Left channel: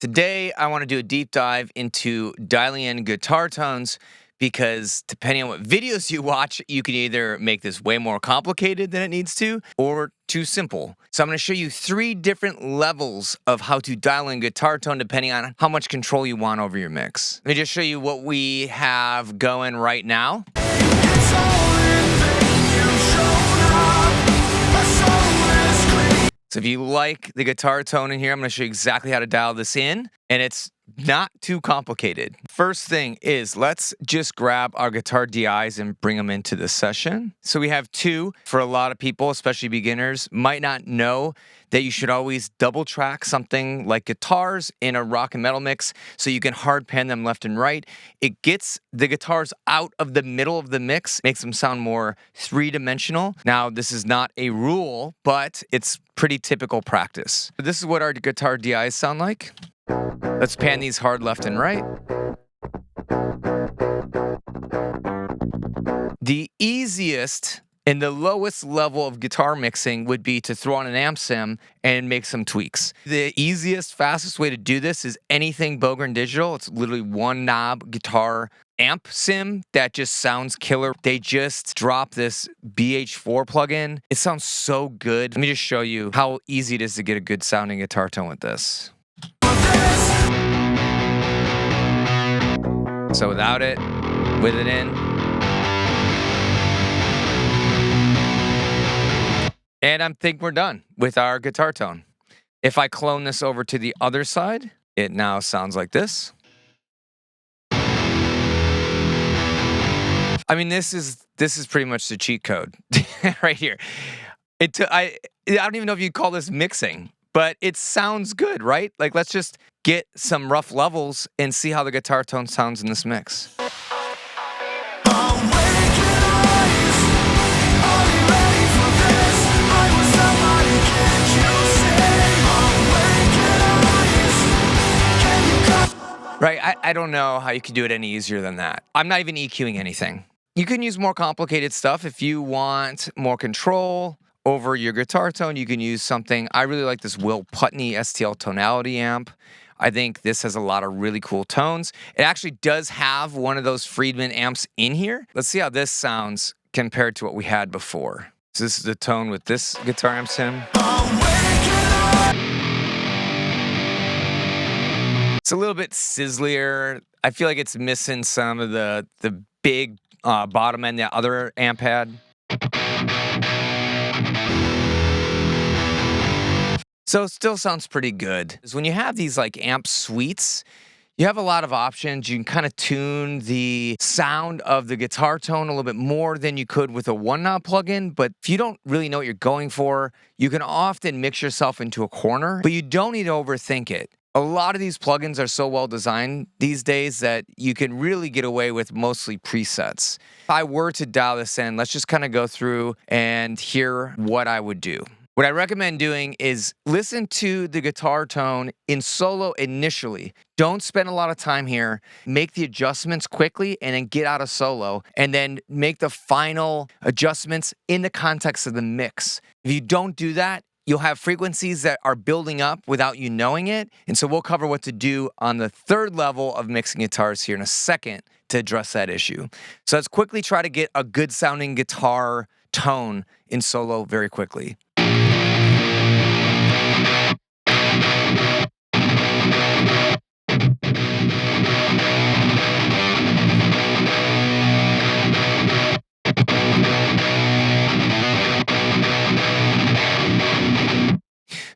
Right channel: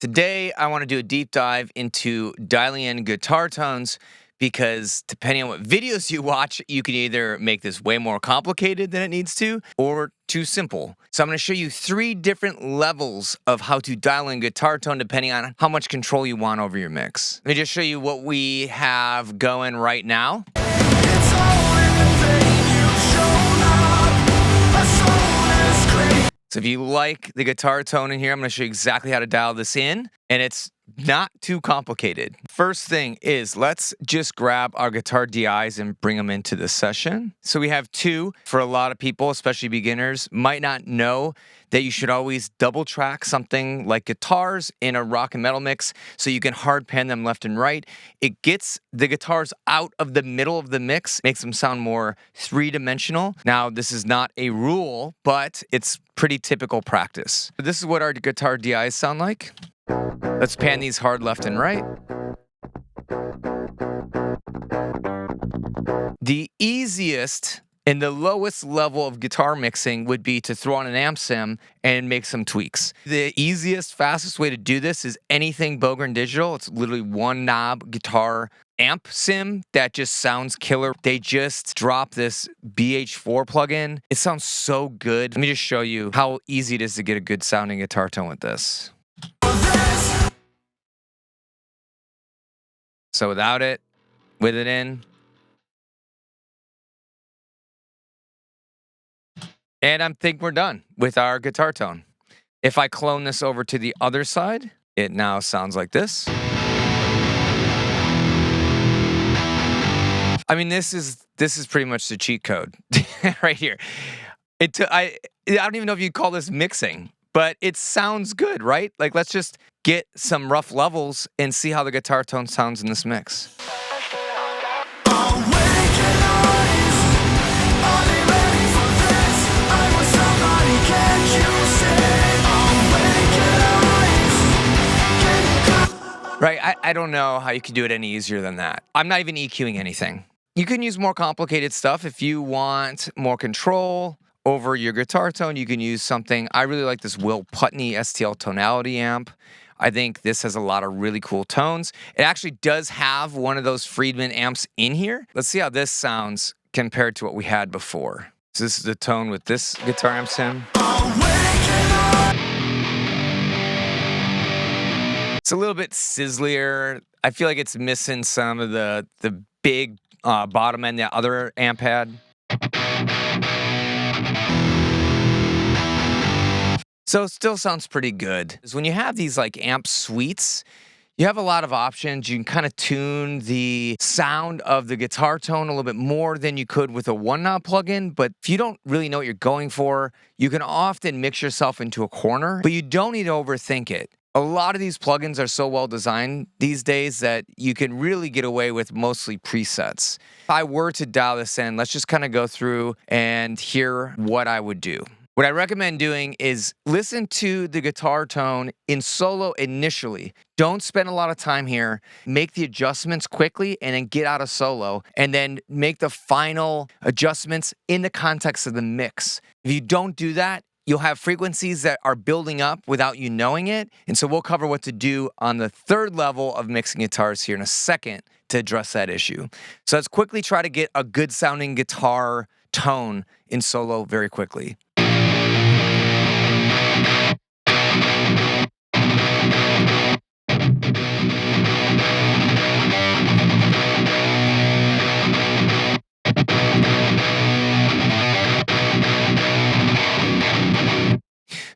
Today, I want to do a deep dive into dialing in guitar tones because depending on what videos you watch, you can either make this way more complicated than it needs to or too simple. So I'm going to show you 3 different levels of how to dial in guitar tone depending on how much control you want over your mix. Let me just show you what we have going right now. So if you like the guitar tone in here, I'm going to show you exactly how to dial this in, and it's not too complicated. First thing is, let's just grab our guitar DIs and bring them into the session. So we have 2. For a lot of people, especially beginners, might not know that you should always double track something like guitars in a rock and metal mix so you can hard pan them left and right. It gets the guitars out of the middle of the mix, makes them sound more 3-dimensional. Now, this is not a rule, but it's pretty typical practice. This is what our guitar DIs sound like. Let's pan these hard left and right. The easiest and the lowest level of guitar mixing would be to throw on an amp sim and make some tweaks. The easiest, fastest way to do this is anything Bogren Digital. It's literally one knob guitar amp sim that just sounds killer. They just dropped this BH4 plugin. It sounds so good. Let me just show you how easy it is to get a good sounding guitar tone with this. So without it, with it in. And I think we're done with our guitar tone. If I clone this over to the other side, it now sounds like this. I mean, this is pretty much the cheat code right here. I don't even know if you'd call this mixing, but it sounds good, right? Like, let's just get some rough levels and see how the guitar tone sounds in this mix. Right, I don't know how you could do it any easier than that. I'm not even EQing anything. You can use more complicated stuff if you want more control over your guitar tone. You can use something. I really like this Will Putney STL tonality amp. I think this has a lot of really cool tones. It actually does have one of those Friedman amps in here. Let's see how this sounds compared to what we had before. So this is the tone with this guitar amp sim. It's a little bit sizzlier. I feel like it's missing some of the big bottom end that other amp had. So it still sounds pretty good. When you have these like amp suites, you have a lot of options. You can kind of tune the sound of the guitar tone a little bit more than you could with a one-knob plugin. But if you don't really know what you're going for, you can often mix yourself into a corner, but you don't need to overthink it. A lot of these plugins are so well designed these days that you can really get away with mostly presets. If I were to dial this in, let's just kind of go through and hear what I would do. What I recommend doing is listen to the guitar tone in solo initially. Don't spend a lot of time here. Make the adjustments quickly and then get out of solo and then make the final adjustments in the context of the mix. If you don't do that, you'll have frequencies that are building up without you knowing it. And so we'll cover what to do on the 3rd level of mixing guitars here in a second to address that issue. So let's quickly try to get a good sounding guitar tone in solo very quickly.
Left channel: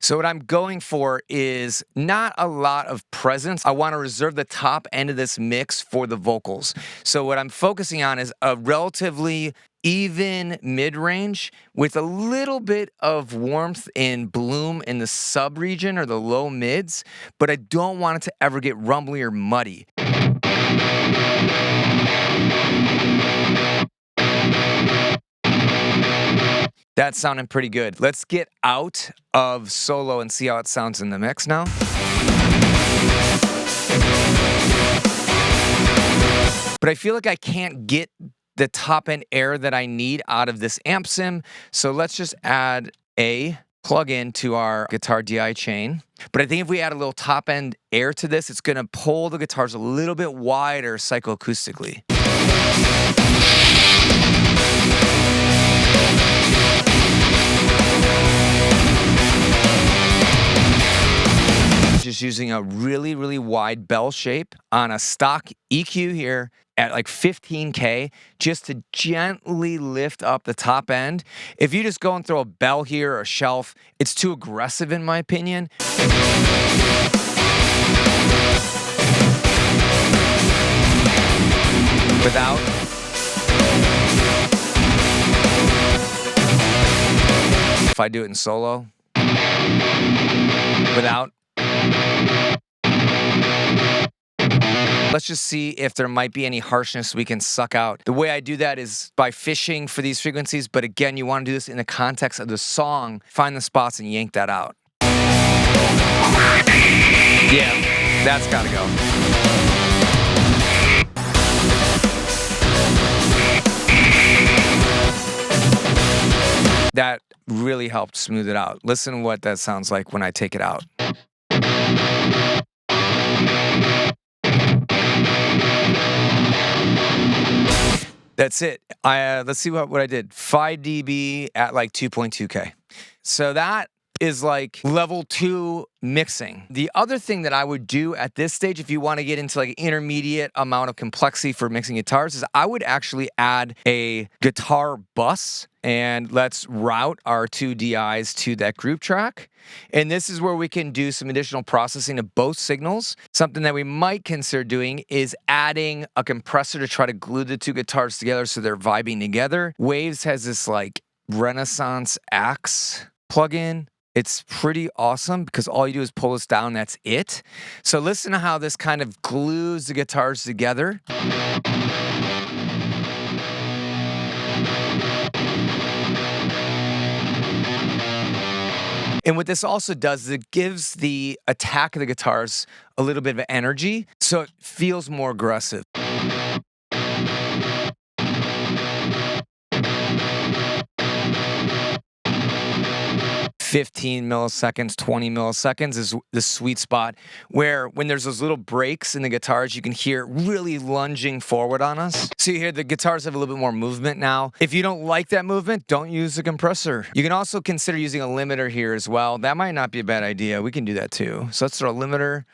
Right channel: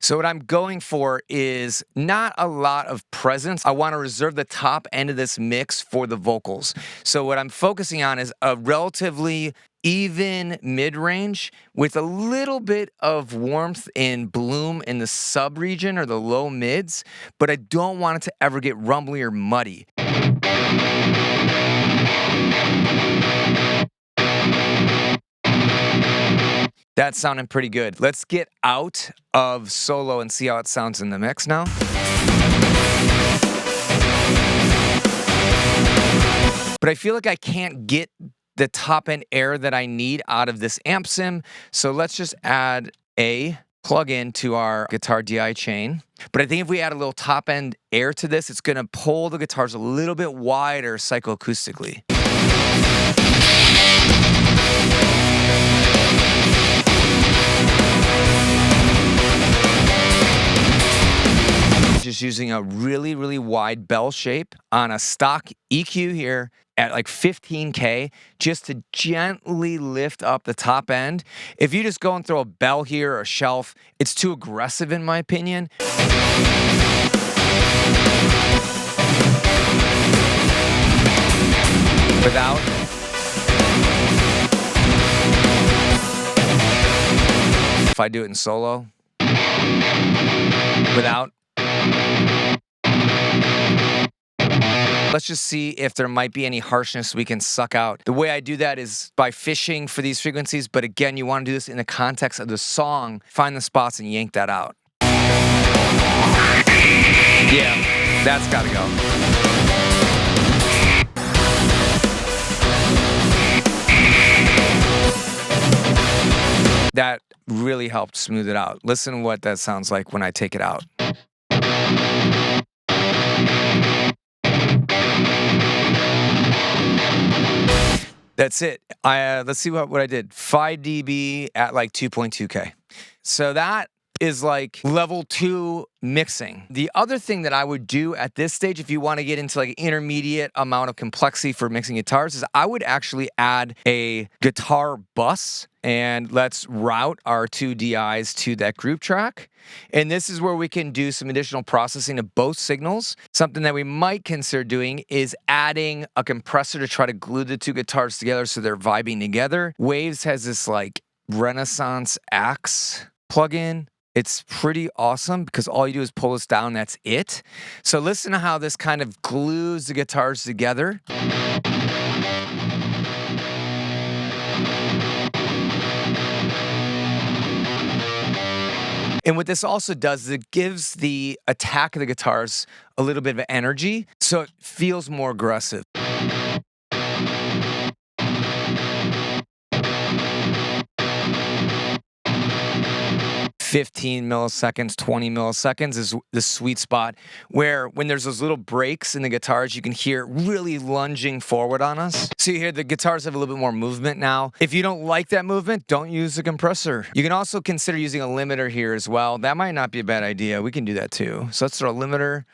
So what I'm going for is not a lot of presence. I want to reserve the top end of this mix for the vocals. So what I'm focusing on is a relatively even mid-range with a little bit of warmth and bloom in the sub-region or the low mids, but I don't want it to ever get rumbly or muddy. That's sounding pretty good. Let's get out of solo and see how it sounds in the mix now. But I feel like I can't get the top end air that I need out of this amp sim. So let's just add a plug into our guitar DI chain. But I think if we add a little top end air to this, it's gonna pull the guitars a little bit wider psychoacoustically. Just using a really, really wide bell shape on a stock EQ here at like 15K, just to gently lift up the top end. If you just go and throw a bell here or a shelf, it's too aggressive in my opinion. Without. If I do it in solo. Without. Let's just see if there might be any harshness we can suck out. The way I do that is by fishing for these frequencies, but again, you want to do this in the context of the song. Find the spots and yank that out. Yeah, that's gotta go. That really helped smooth it out. Listen to what that sounds like when I take it out. That's it. Let's see what I did. 5 dB at like 2.2K. So that is like level 2 mixing. The other thing that I would do at this stage, if you want to get into like intermediate amount of complexity for mixing guitars, is I would actually add a guitar bus and let's route our 2 DIs to that group track. And this is where we can do some additional processing of both signals. Something that we might consider doing is adding a compressor to try to glue the 2 guitars together so they're vibing together. Waves has this like Renaissance axe plugin. It's pretty awesome because all you do is pull this down, that's it. So listen to how this kind of glues the guitars together. And what this also does is it gives the attack of the guitars a little bit of energy, so it feels more aggressive. 15 milliseconds, 20 milliseconds is the sweet spot where when there's those little breaks in the guitars, you can hear it really lunging forward on us. So you hear the guitars have a little bit more movement now. If you don't like that movement, don't use the compressor. You can also consider using a limiter here as well. That might not be a bad idea. We can do that too. So let's throw a limiter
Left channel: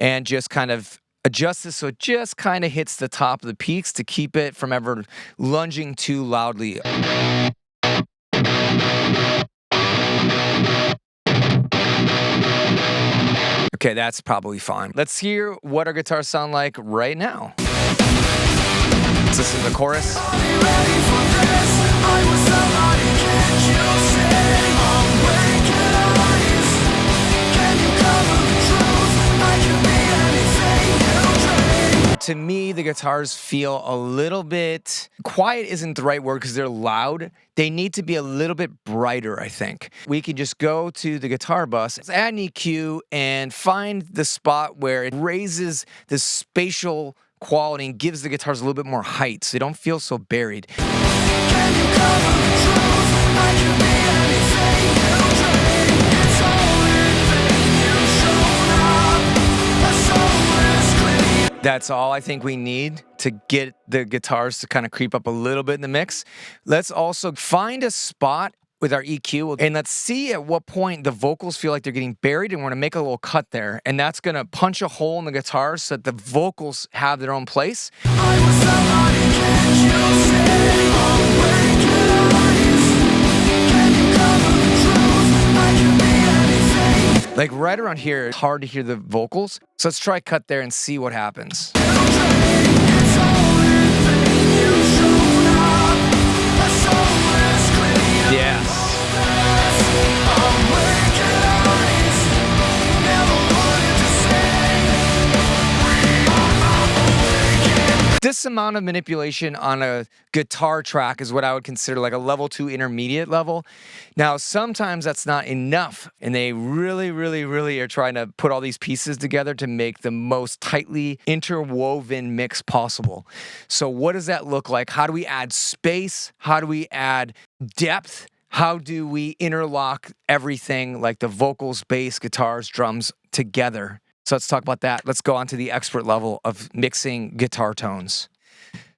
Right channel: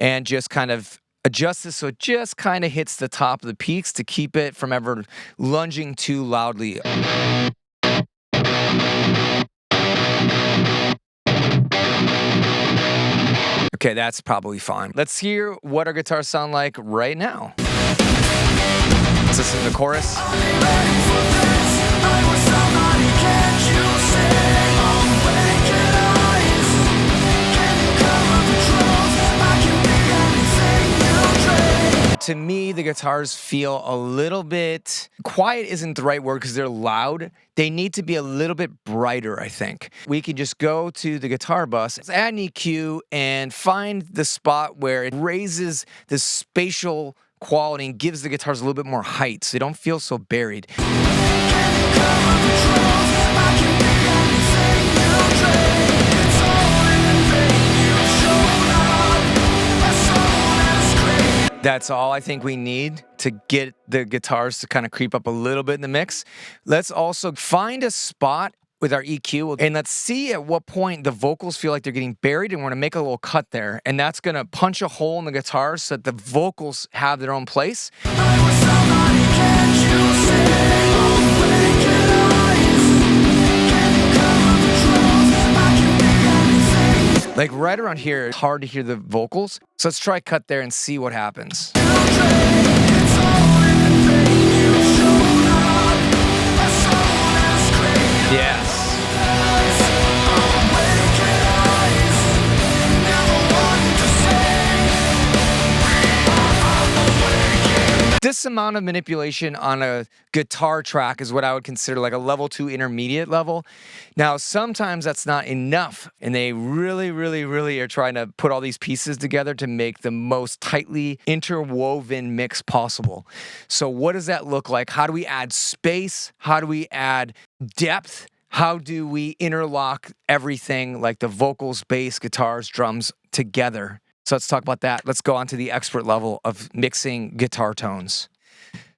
and just kind of adjust this so it just kind of hits the top of the peaks to keep it from ever lunging too loudly. Okay, that's probably fine. Let's hear what our guitars sound like right now. Let's listen to the chorus. To me, the guitars feel a little bit, quiet isn't the right word because they're loud. They need to be a little bit brighter, I think. We can just go to the guitar bus, add an EQ, and find the spot where it raises the spatial quality and gives the guitars a little bit more height so they don't feel so buried. That's all I think we need to get the guitars to kind of creep up a little bit in the mix. Let's also find a spot with our EQ and let's see at what point the vocals feel like they're getting buried, and we're gonna make a little cut there, and that's gonna punch a hole in the guitars so that the vocals have their own place. Like right around here, it's hard to hear the vocals. So let's try cut there and see what happens. Yes. This amount of manipulation on a guitar track is what I would consider like a level 2 intermediate level. Now, sometimes that's not enough, and they really are trying to put all these pieces together to make the most tightly interwoven mix possible. So what does that look like? How do we add space? How do we add depth? how do we interlock everything like the vocals, bass, guitars, drums together? So let's talk about that. Let's go on to the expert level of mixing guitar tones.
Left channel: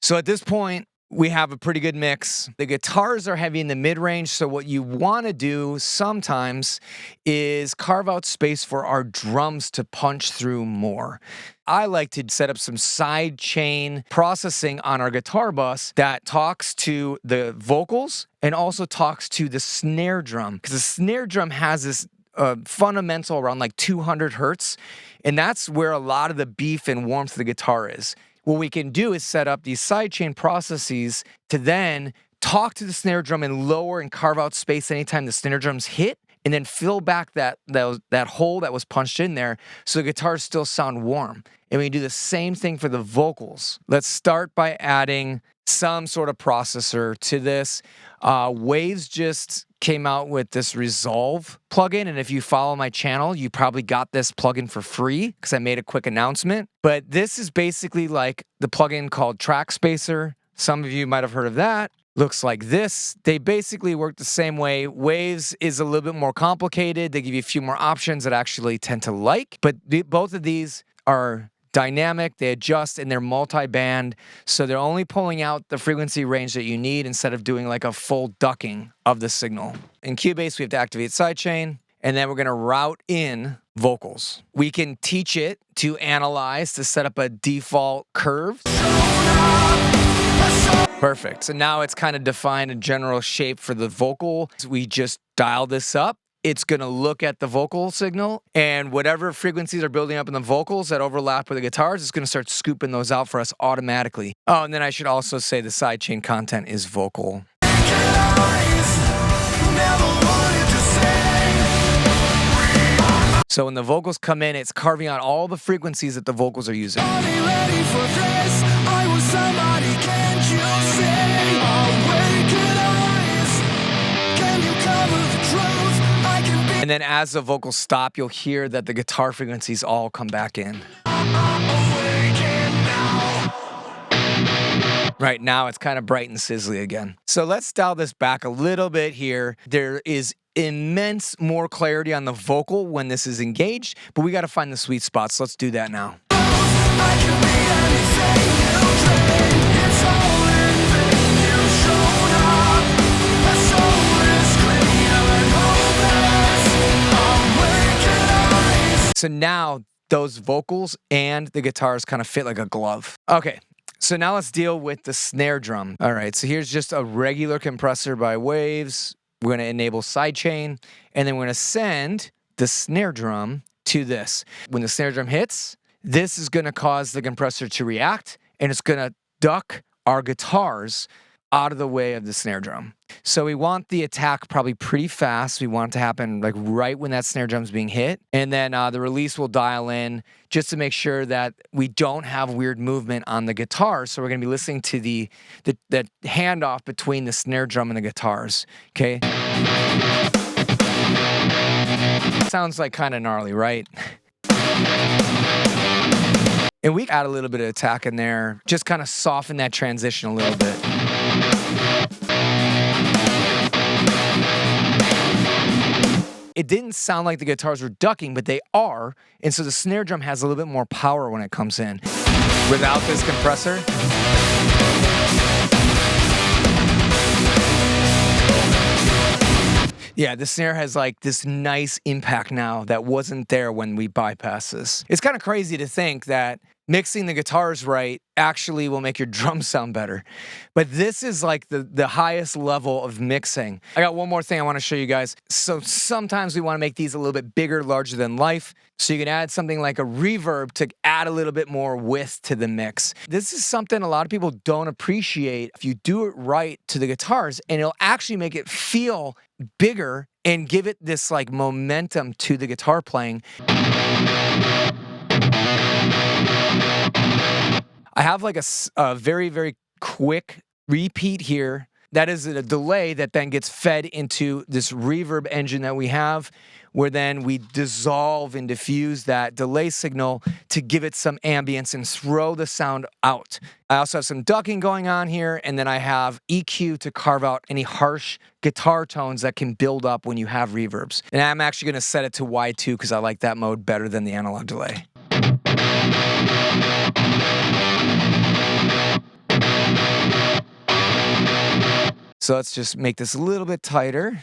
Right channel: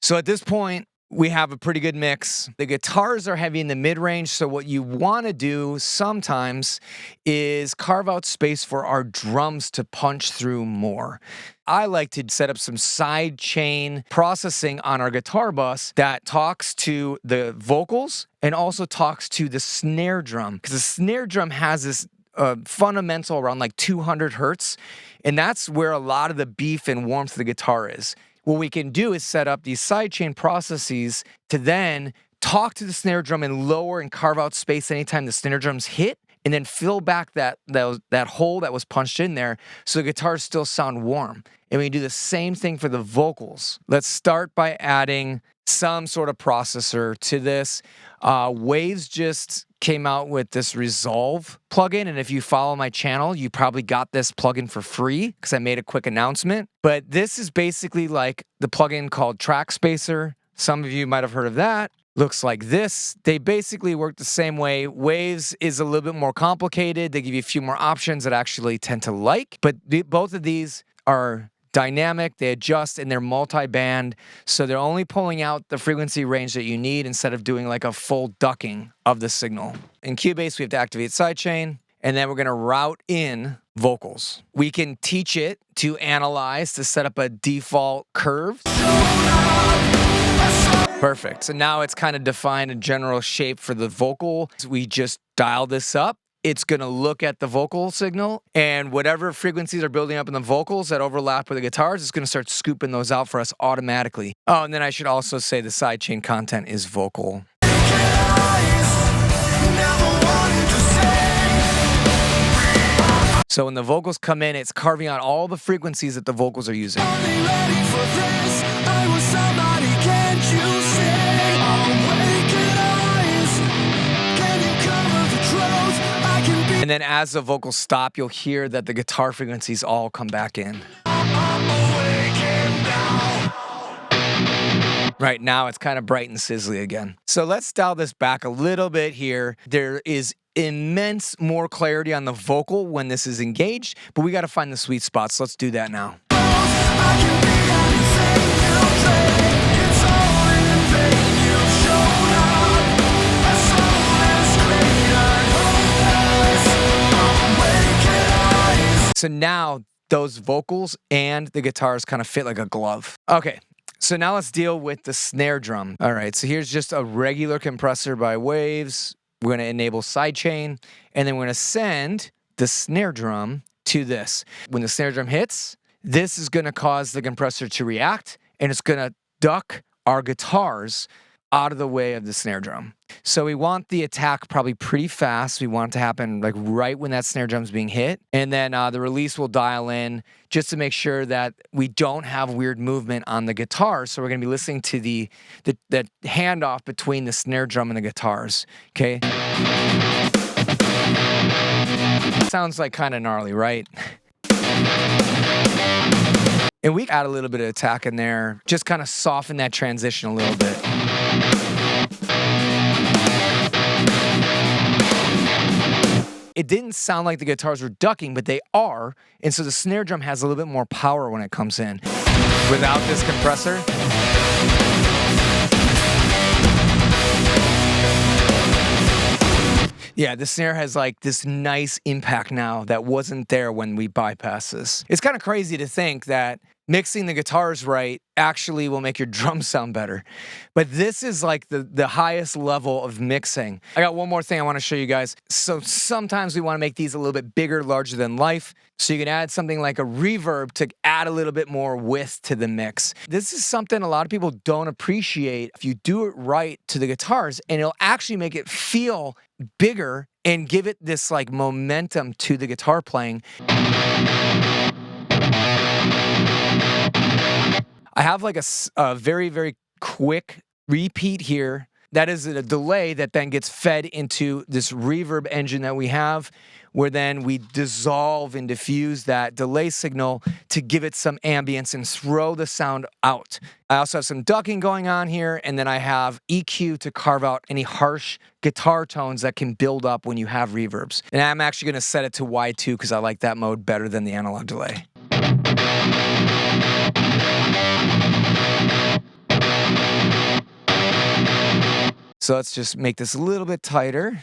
So at this point, we have a pretty good mix. The guitars are heavy in the mid-range, so what you want to do sometimes is carve out space for our drums to punch through more. I like to set up some sidechain processing on our guitar bus that talks to the vocals and also talks to the snare drum, because the snare drum has this fundamental around like 200 hertz, and that's where a lot of the beef and warmth of the guitar is. What we can do is set up these sidechain processes to then talk to the snare drum and lower and carve out space anytime the snare drums hit, and then fill back that hole that was punched in there so the guitars still sound warm. And we do the same thing for the vocals. Let's start by adding some sort of processor to this. Waves just came out with this Resolve plugin, and if you follow my channel, you probably got this plugin for free because I made a quick announcement. But this is basically like the plugin called Track Spacer. Some of you might have heard of that. Looks like this. They basically work the same way. Waves is a little bit more complicated. They give you a few more options that I actually tend to like, but both of these are dynamic, they adjust, and they're multi-band, so they're only pulling out the frequency range that you need instead of doing like a full ducking of the signal. In Cubase, we have to activate sidechain, and then we're going to route in vocals. We can teach it to analyze to set up a default curve. Perfect. So now it's kind of defined a general shape for the vocal. We just dial this up. It's going to look at the vocal signal, and whatever frequencies are building up in the vocals that overlap with the guitars, it's going to start scooping those out for us automatically. Oh, and then I should also say the sidechain content is vocal. So when the vocals come in, it's carving out all the frequencies that the vocals are using. And then as the vocals stop, you'll hear that the guitar frequencies all come back in. Right now, it's kind of bright and sizzly again. So let's dial this back a little bit here. There is immense more clarity on the vocal when this is engaged, but we got to find the sweet spots. So let's do that now. So now those vocals and the guitars kind of fit like a glove. Okay, so now let's deal with the snare drum. All right, so here's just a regular compressor by Waves. We're gonna enable sidechain, and then we're gonna send the snare drum to this. When the snare drum hits, this is gonna cause the compressor to react, and it's gonna duck our guitars out of the way of the snare drum. So we want the attack probably pretty fast. We want it to happen like right when that snare drum's being hit. And then the release will dial in just to make sure that we don't have weird movement on the guitar. So we're gonna be listening to the handoff between the snare drum and the guitars, okay? Sounds like kind of gnarly, right? And we add a little bit of attack in there, just kind of soften that transition a little bit. It didn't sound like the guitars were ducking, but they are, and so the snare drum has a little bit more power when it comes in. Without this compressor, yeah, the snare has like this nice impact now that wasn't there when we bypassed this. It's kind of crazy to think that mixing the guitars right actually will make your drums sound better. But this is like the highest level of mixing. I got one more thing I want to show you guys. So sometimes we want to make these a little bit bigger, larger than life. So you can add something like a reverb to add a little bit more width to the mix. This is something a lot of people don't appreciate if you do it right to the guitars, and it'll actually make it feel bigger and give it this like momentum to the guitar playing. I have like a very, very quick repeat here. That is a delay that then gets fed into this reverb engine that we have. where then we dissolve and diffuse that delay signal to give it some ambience and throw the sound out. I also have some ducking going on here, and then I have EQ to carve out any harsh guitar tones that can build up when you have reverbs. And I'm actually going to set it to Y2 because I like that mode better than the analog delay. So let's just make this a little bit tighter.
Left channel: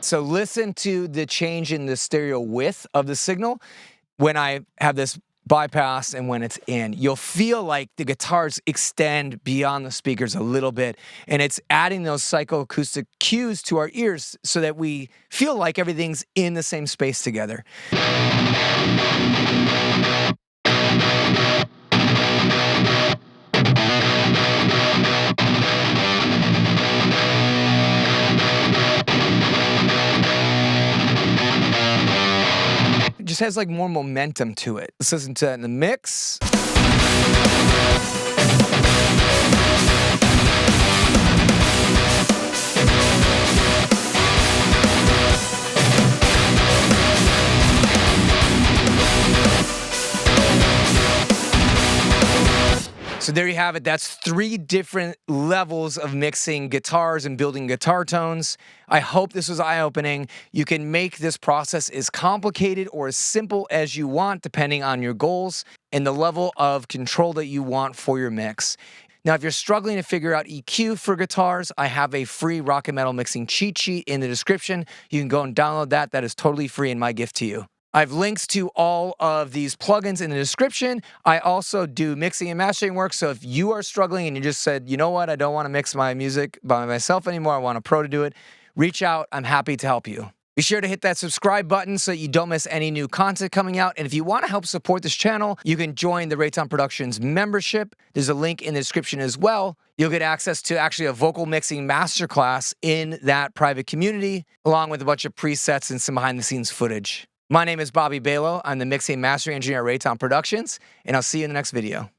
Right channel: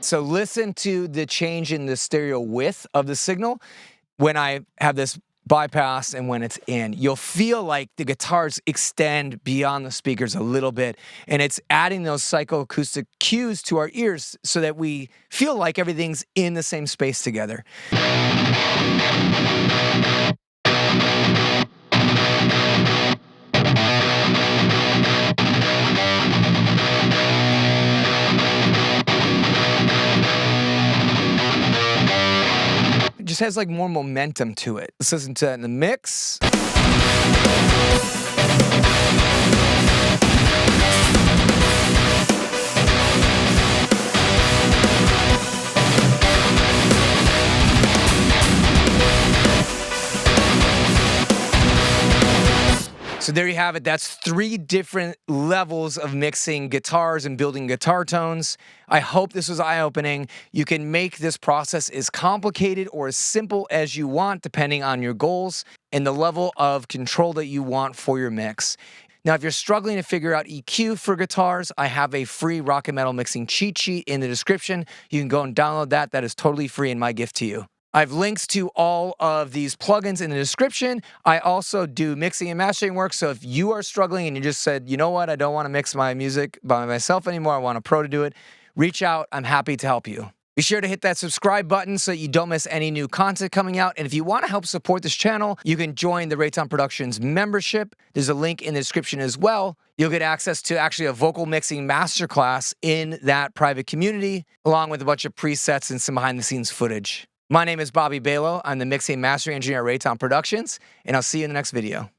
So listen to the change in the stereo width of the signal when I have this bypass and when it's in. You'll feel like the guitars extend beyond the speakers a little bit, and it's adding those psychoacoustic cues to our ears so that we feel like everything's in the same space together. It just has like more momentum to it. Let's listen to that in the mix. So there you have it. That's 3 different levels of mixing guitars and building guitar tones. I hope this was eye-opening. You can make this process as complicated or as simple as you want, depending on your goals and the level of control that you want for your mix. Now, if you're struggling to figure out EQ for guitars, I have a free rock and metal mixing cheat sheet in the description. You can go and download that. That is totally free and my gift to you. I have links to all of these plugins in the description. I also do mixing and mastering work, so if you are struggling and you just said, you know what, I don't want to mix my music by myself anymore, I want a pro to do it, reach out. I'm happy to help you. Be sure to hit that subscribe button so you don't miss any new content coming out. And if you want to help support this channel, you can join the Rayton Productions membership. There's a link in the description as well. You'll get access to actually a vocal mixing masterclass in that private community, along with a bunch of presets and some behind-the-scenes footage. My name is Bobby Balo. I'm the mixing and mastering engineer at Rayton Productions, and I'll see you in the next video.